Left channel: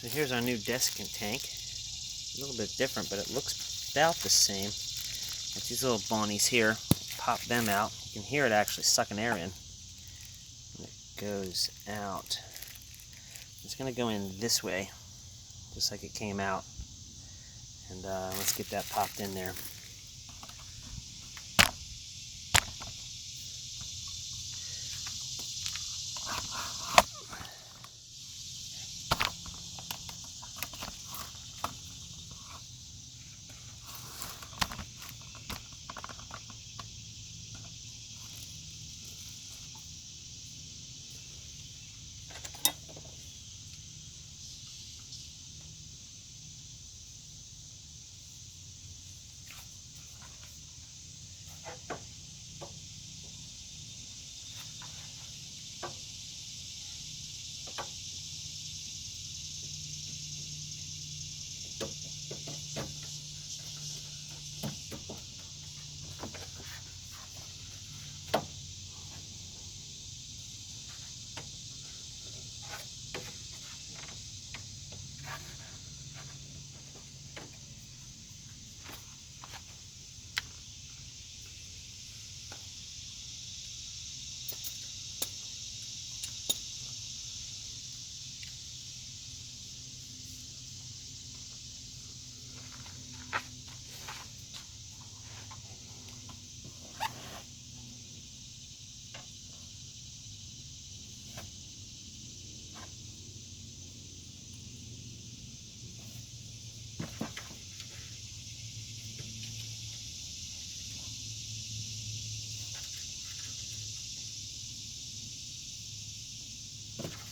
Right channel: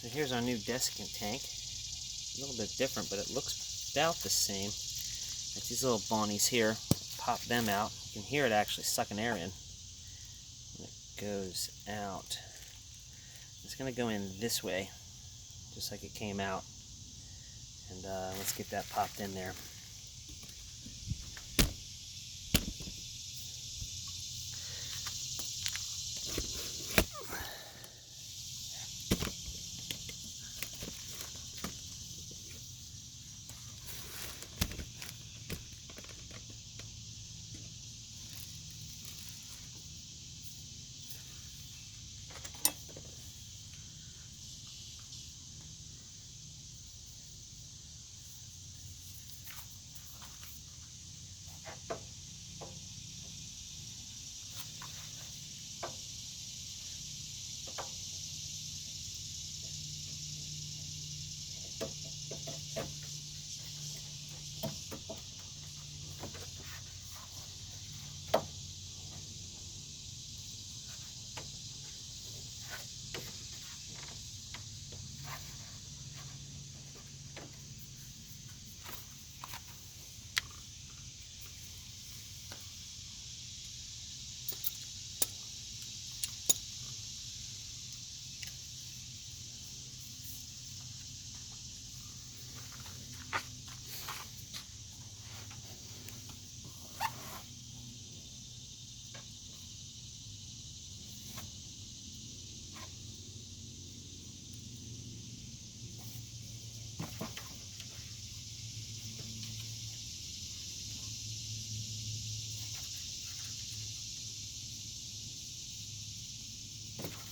So here's our new desiccant tank. A little bit different, but it looks about the same. Got these little bonnies here. Pop them out. You can hear it actually sucking air in. And it goes out. It's going to go in this way, just like it came out. And let's get that popped in there.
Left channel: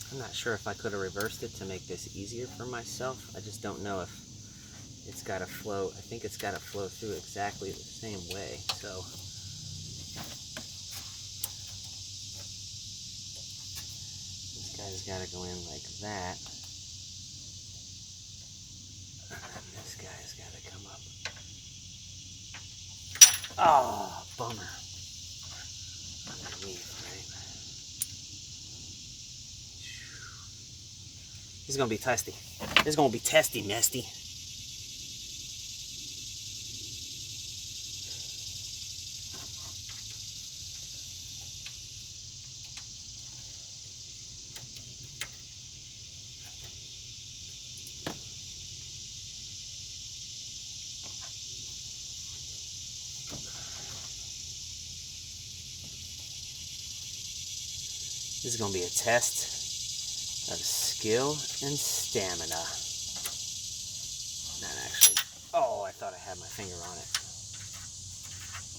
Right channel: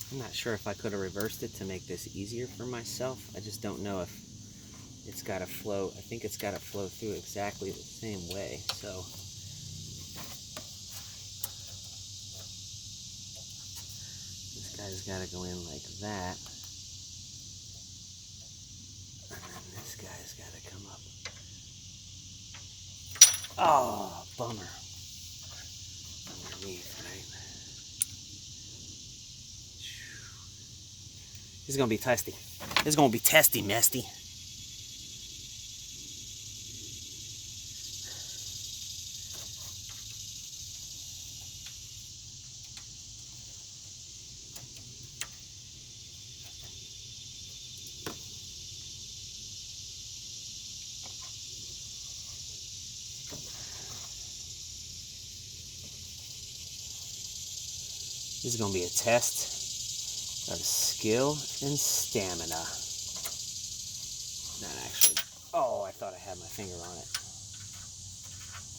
I'm not sure if I could have reversed it to make this easier for myself. I just don't know if it's got to flow. I think it's got to flow through exactly the same way. So this guy's got to go in like that. And then this guy's got to come up. Oh, bummer. Underneath, right? This is going to be testy. This is going to be testy, mesty. This is going to be a test of skill and stamina. Not actually. Oh, I thought I had my finger on it.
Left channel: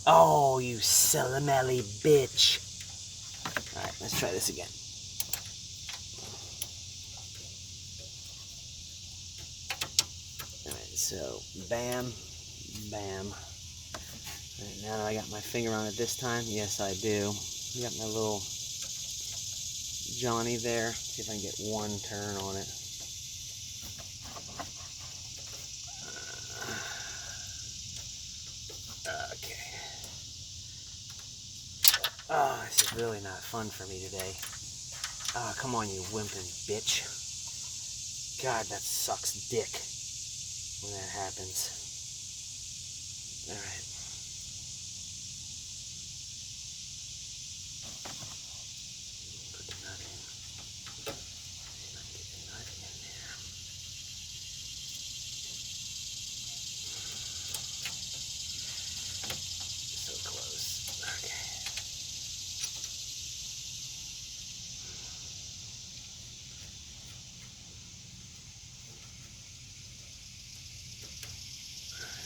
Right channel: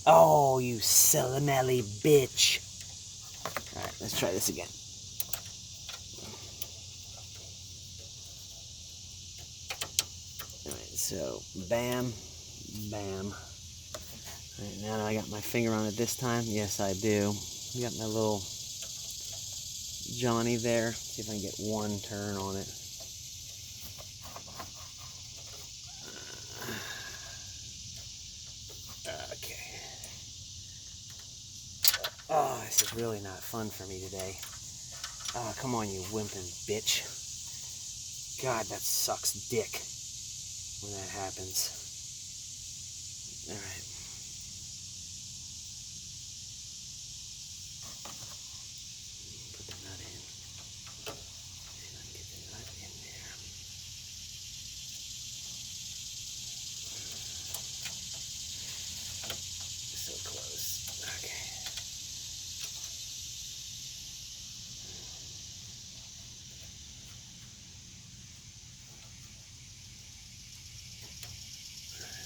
Oh, you silly bitch. Alright, let's try this again. Alright, so bam, bam. Right, now I got my finger on it this time. Yes, I do. Got my little Johnny there. See if I can get one turn on it. Okay. Oh, this is really not fun for me today. Oh, come on, you whimpering bitch. God, that sucks dick when that happens. Alright. Put the nut in. See if I can get the nut in there. So close. Okay.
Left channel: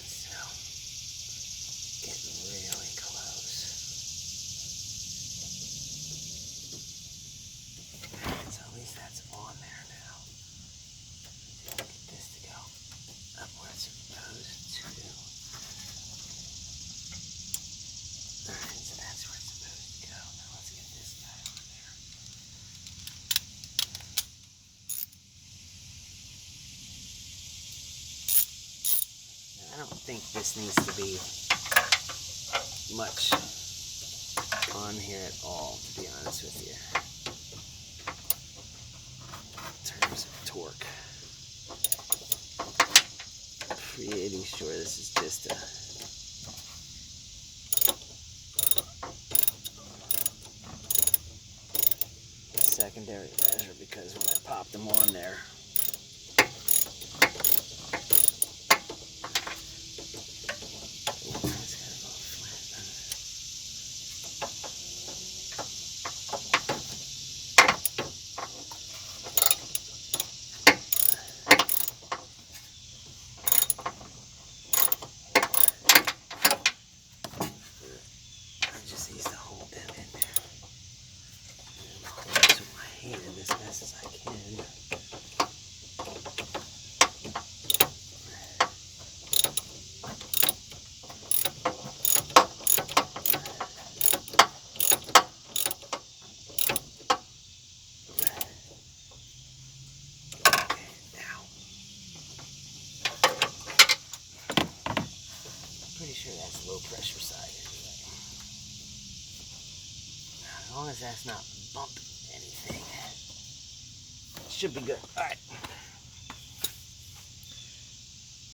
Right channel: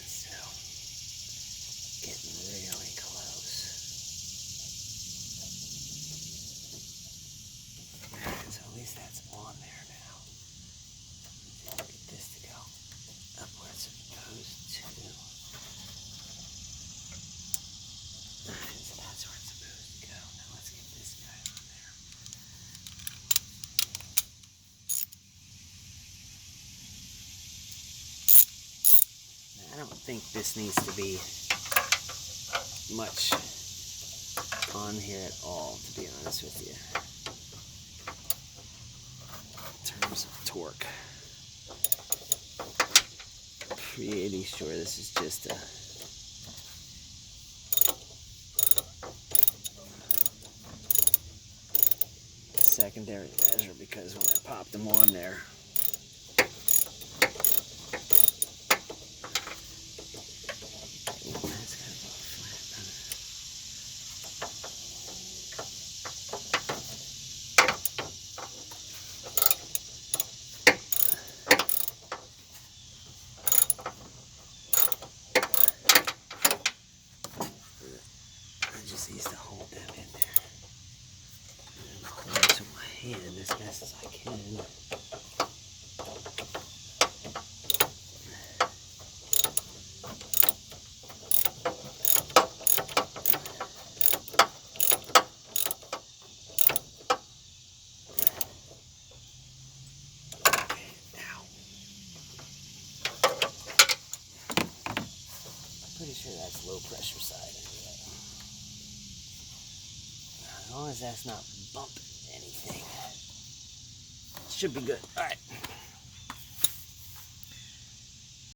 So, getting really close. So at least that's on there now. Let's get this to go up where it's supposed to. Alright, so that's where it's supposed to go. Now let's get this guy on there. Now, I don't think this needs to be much on here at all, to be honest with you. In terms of torque. creating sure this is just a secondary measure, because when I pop them on there, I just used to hold them in there. And hold this with my hand as best as I can. Okay, now. Pretty sure that's low pressure side anyway. As long as that's not bumping anything, it should be good. All right.